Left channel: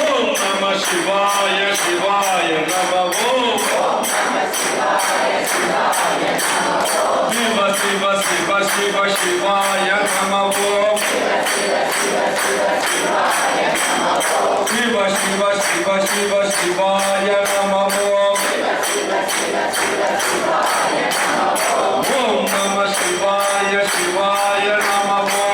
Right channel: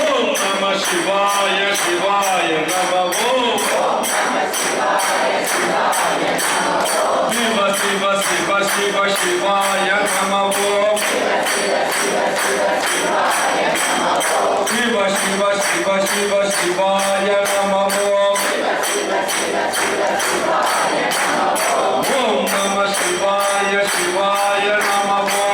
ఓం నమ శివాయ శివాయ నమ ఓం శివ శివ శివ శివ శివాయ నమ ఓం శివ శివ శివ శివ శివాయ నమ ఓం ఓం నమ శివాయ శివాయ నమ ఓం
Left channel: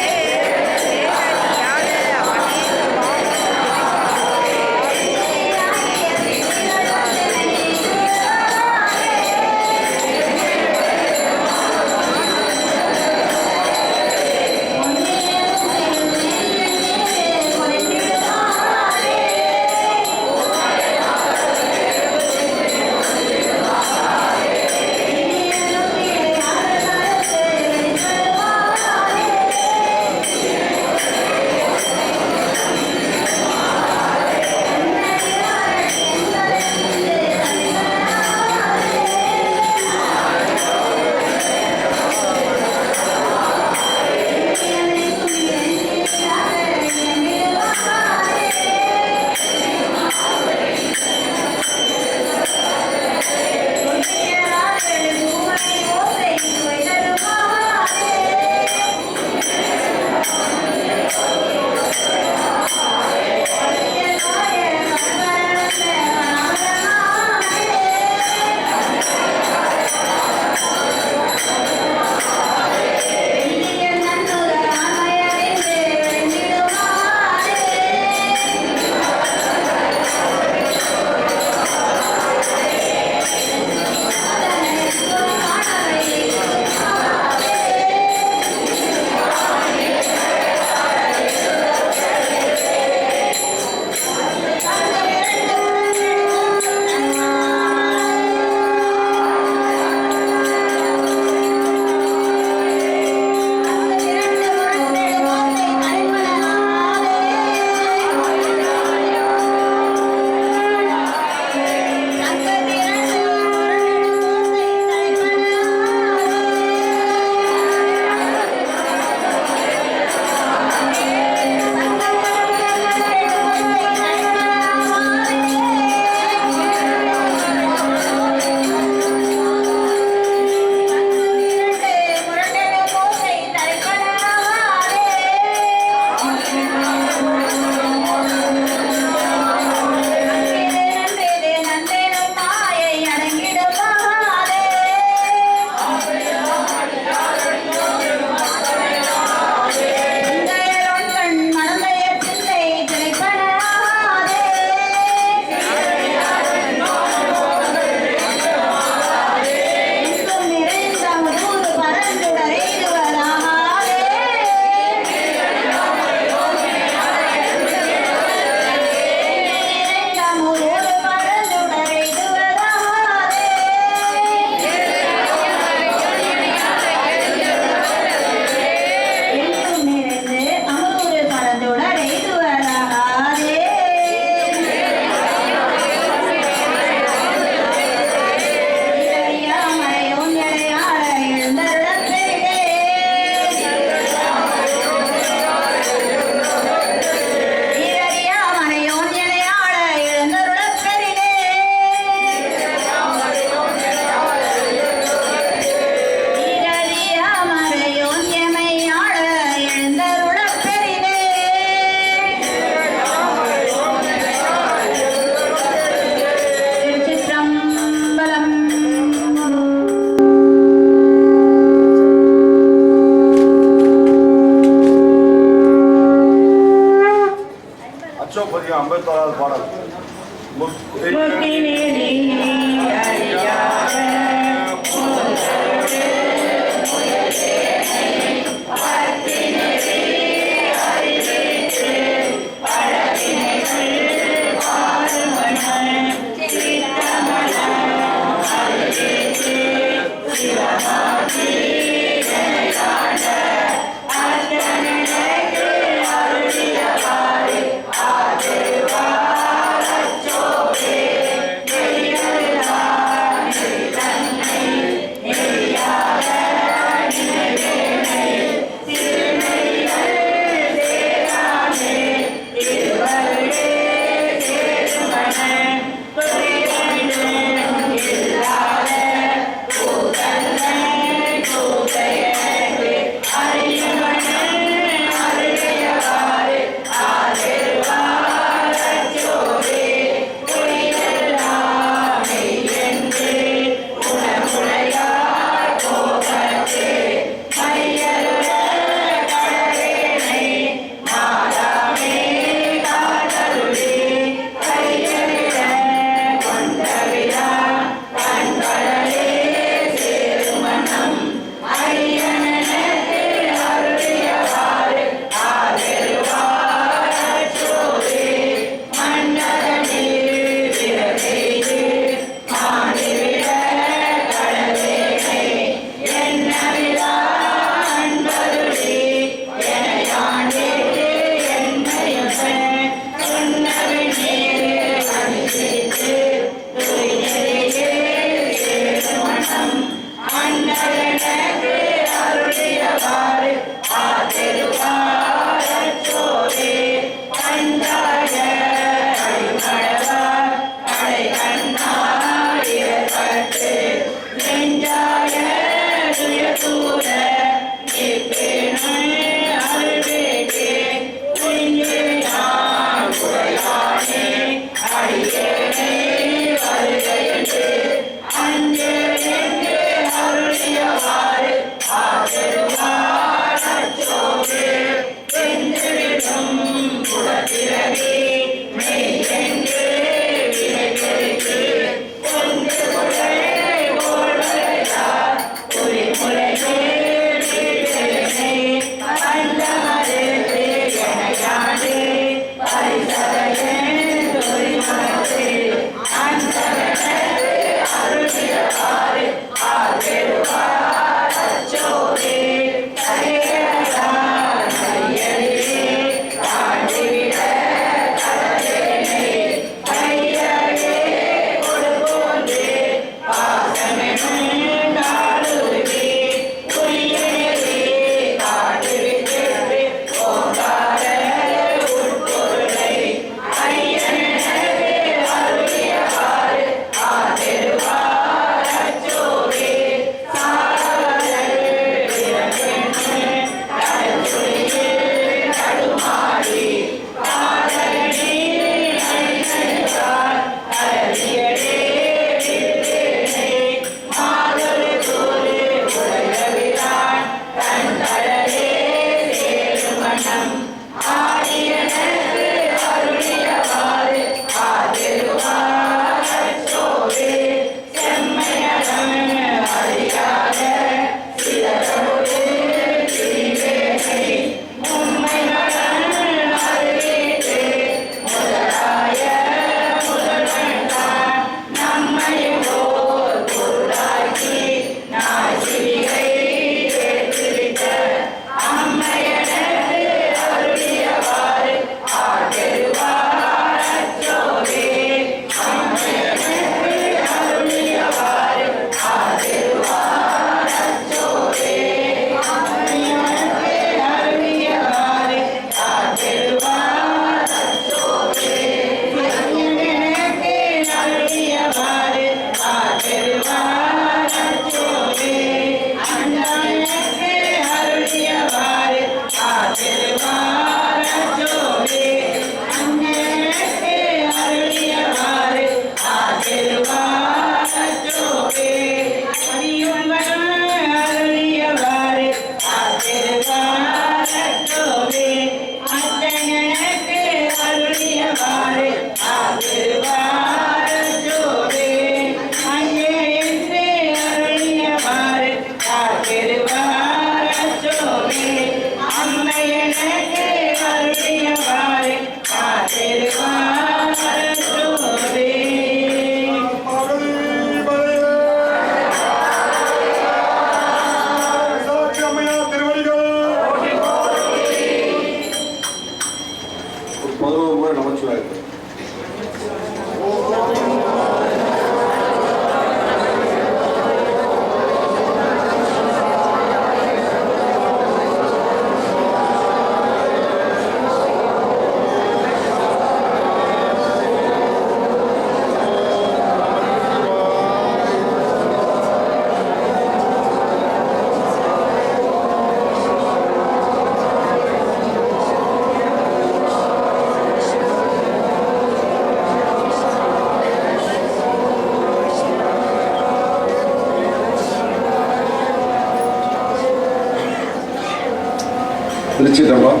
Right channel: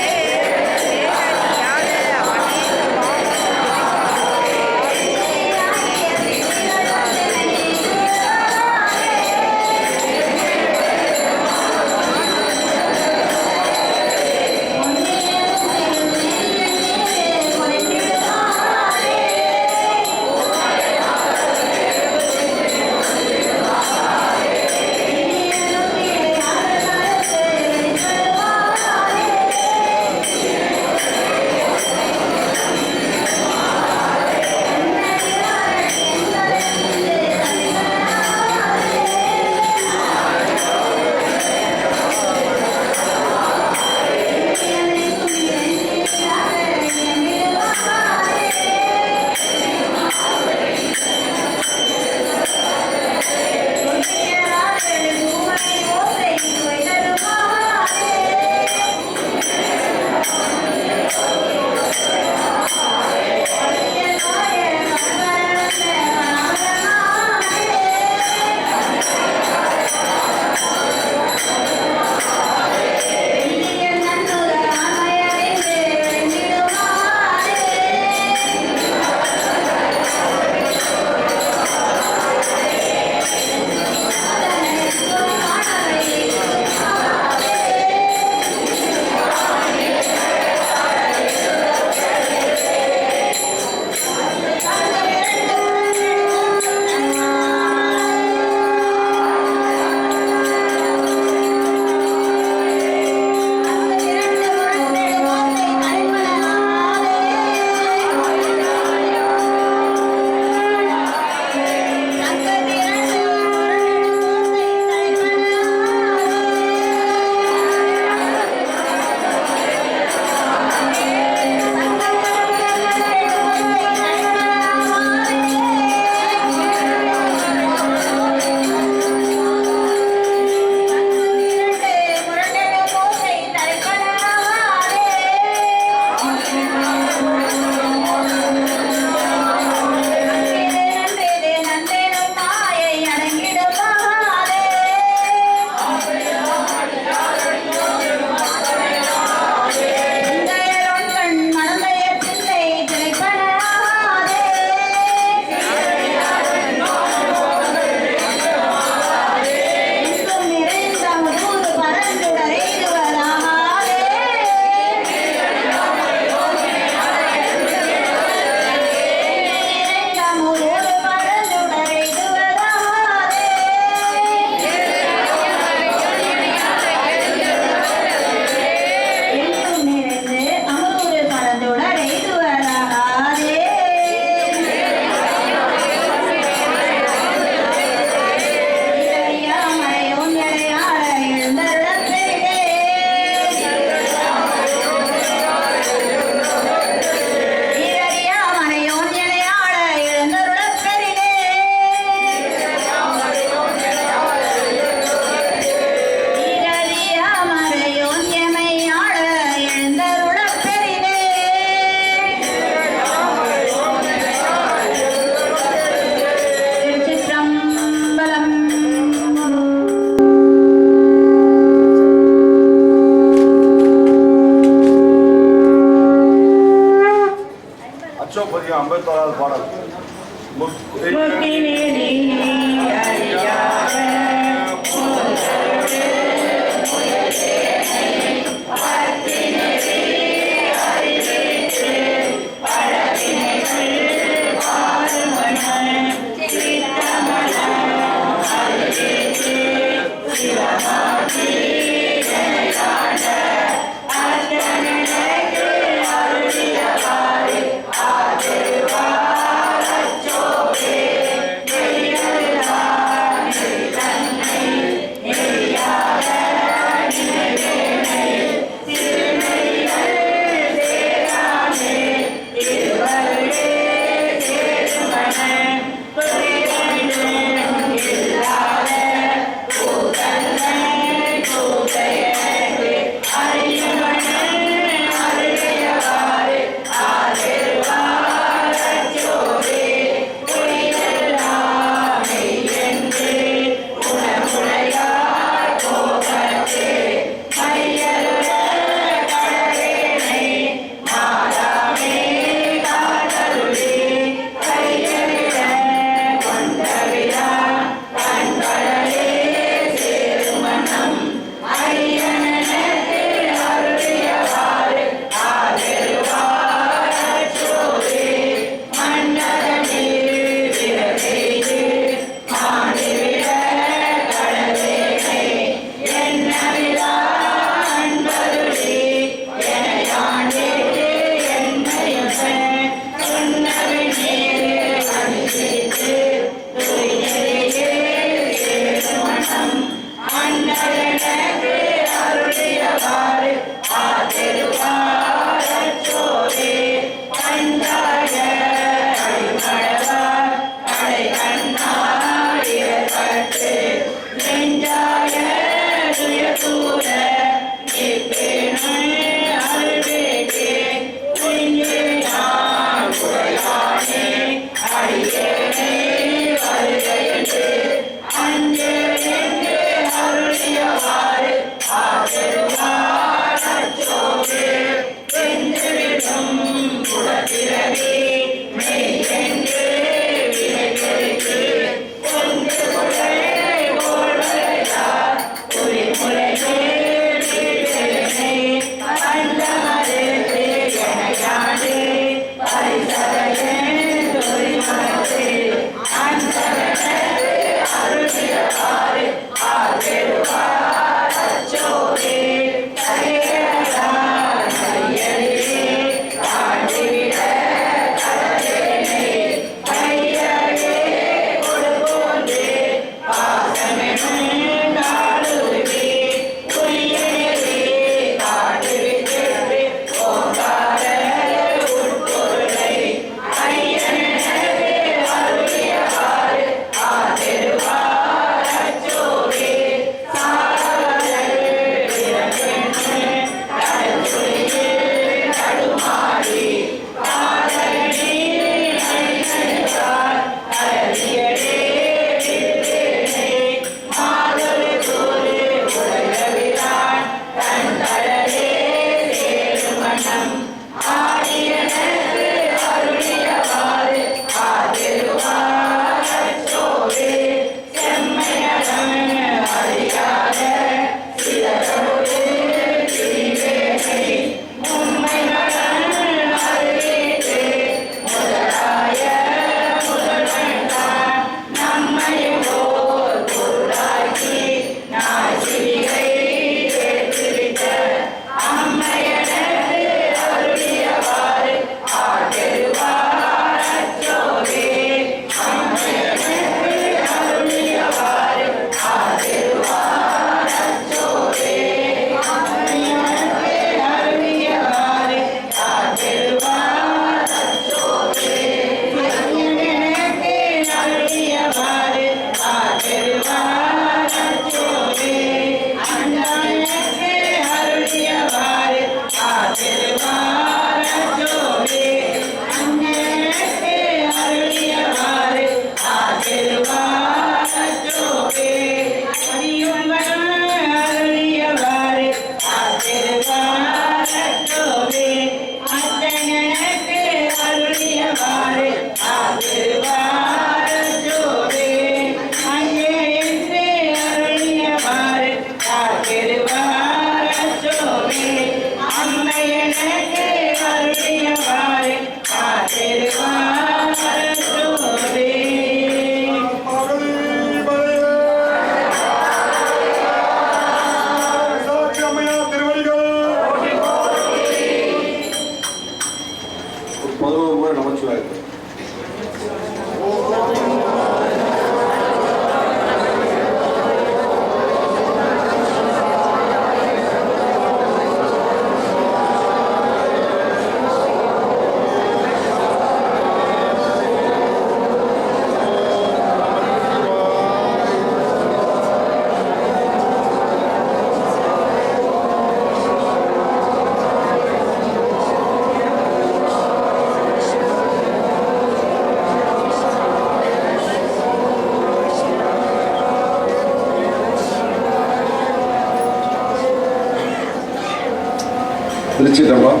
திருச்சிட்டம்பலம்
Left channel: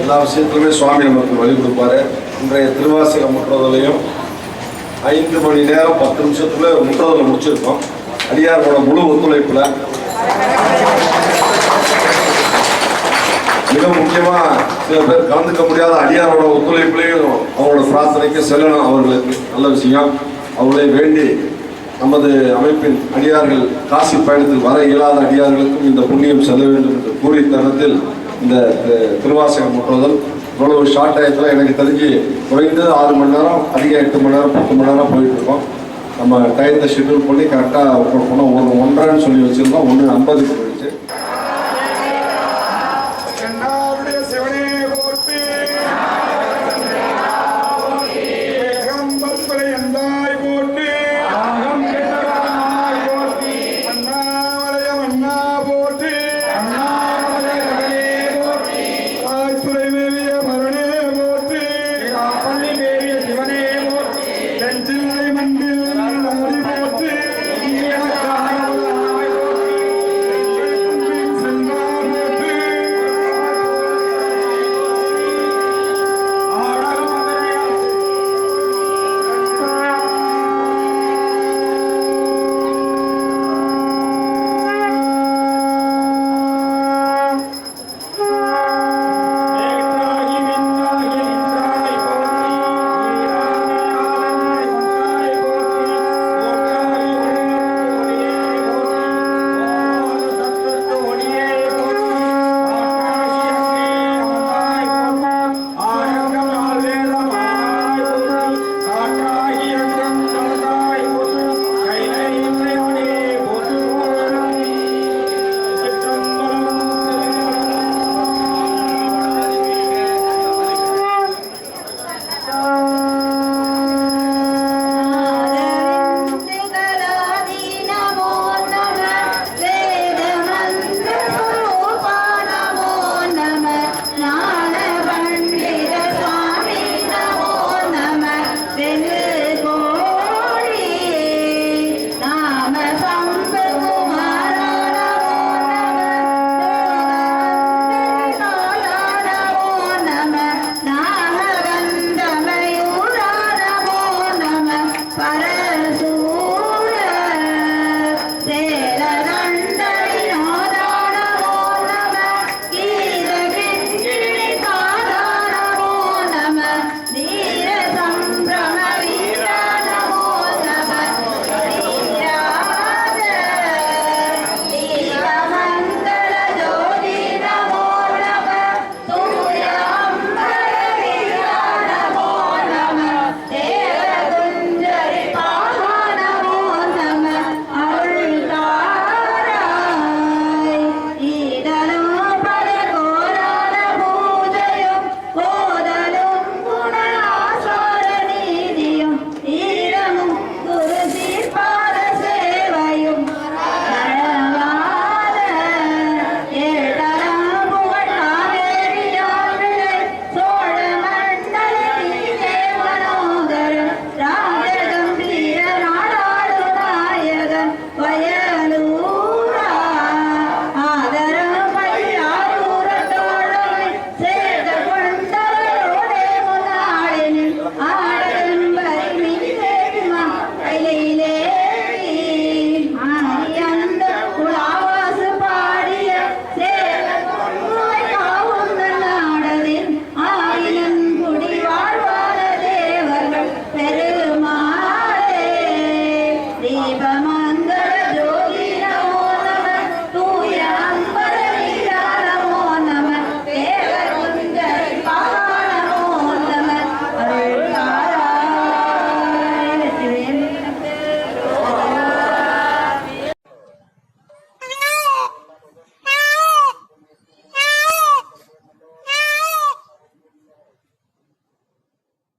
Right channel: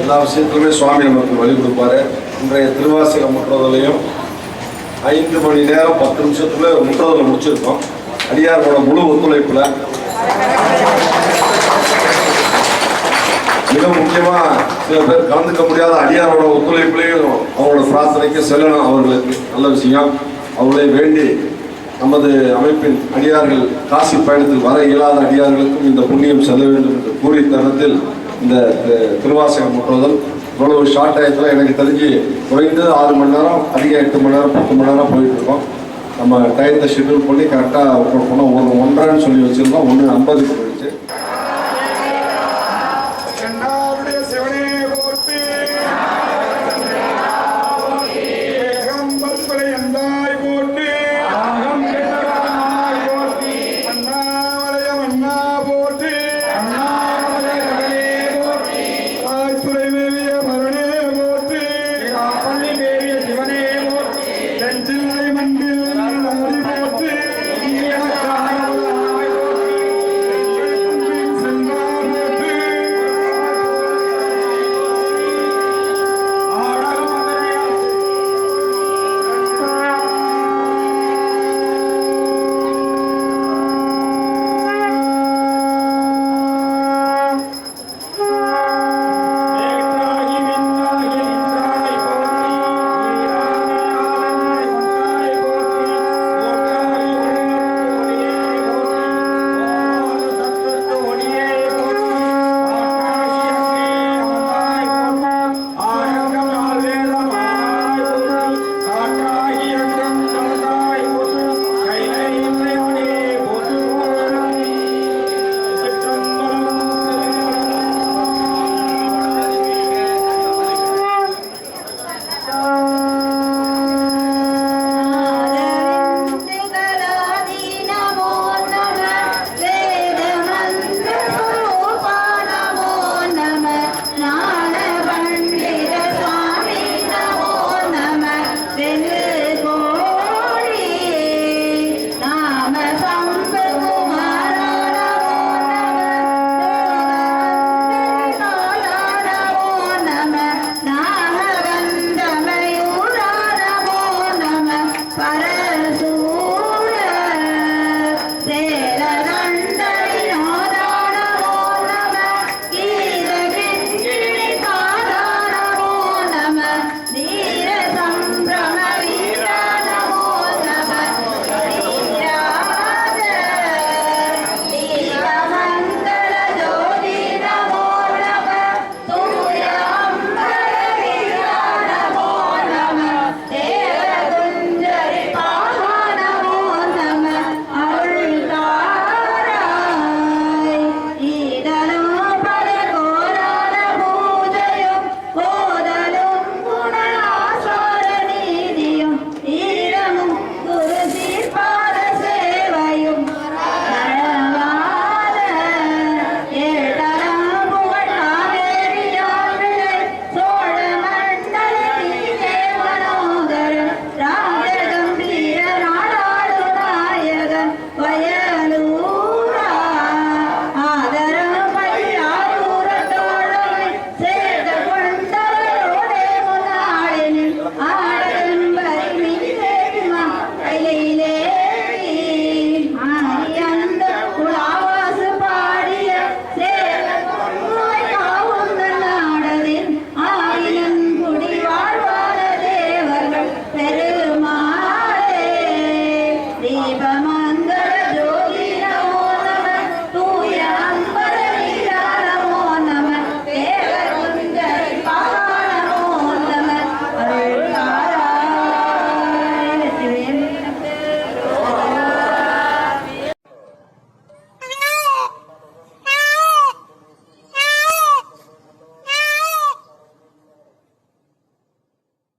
எல்லா விஷயத்திலுமே சுவாமி நமக்கு வழி கொடுப்பாரு. இன்றைய திருவாசக முற்றுதலையும் ஐந்து மணி நேரம் பத்து நிமிஷத்துல முற்றுதலை முடிச்சிருக்கோம். அடியாரோட முழு ஒத்துழைப்புல. மிக முக்கியமா சில பேர் கலந்துக்க முடியாத அடியாரோட ஒத்துழைப்புலையும் அவரோட பிரார்த்தனைக்கு செல்லணும் அவர்களுக்கு. நல்ல விஷயம். அவர்களே வேண்டி நமது அமைப்பின் அடியார்கள் காசி பயணத்தில் வர இயலாத அடியார்களுக்கும் இந்த புண்ணியம் செல்ல வேண்டும் என்று கூறிய தருணத்தில் இந்த திருவாசகம் முற்றுதல் இவ்வளவு ஷார்ட் ஆயத்தில் எனக்கு தெரிஞ்சு குறைந்தது ஆறு மணி நேரம் அதிக எட்டு மணி நேரம் பத்து மணி நேரம் போயிட்டு இருக்கோம். நம்ம டயத்தை ஷெட்யூல் பண்ணி கரெக்டாக போனால் ஒன்று ஒன்றரைன்னு சொல்லி வச்சுருந்தோம். ஒன்று ஐம்பதுக்கு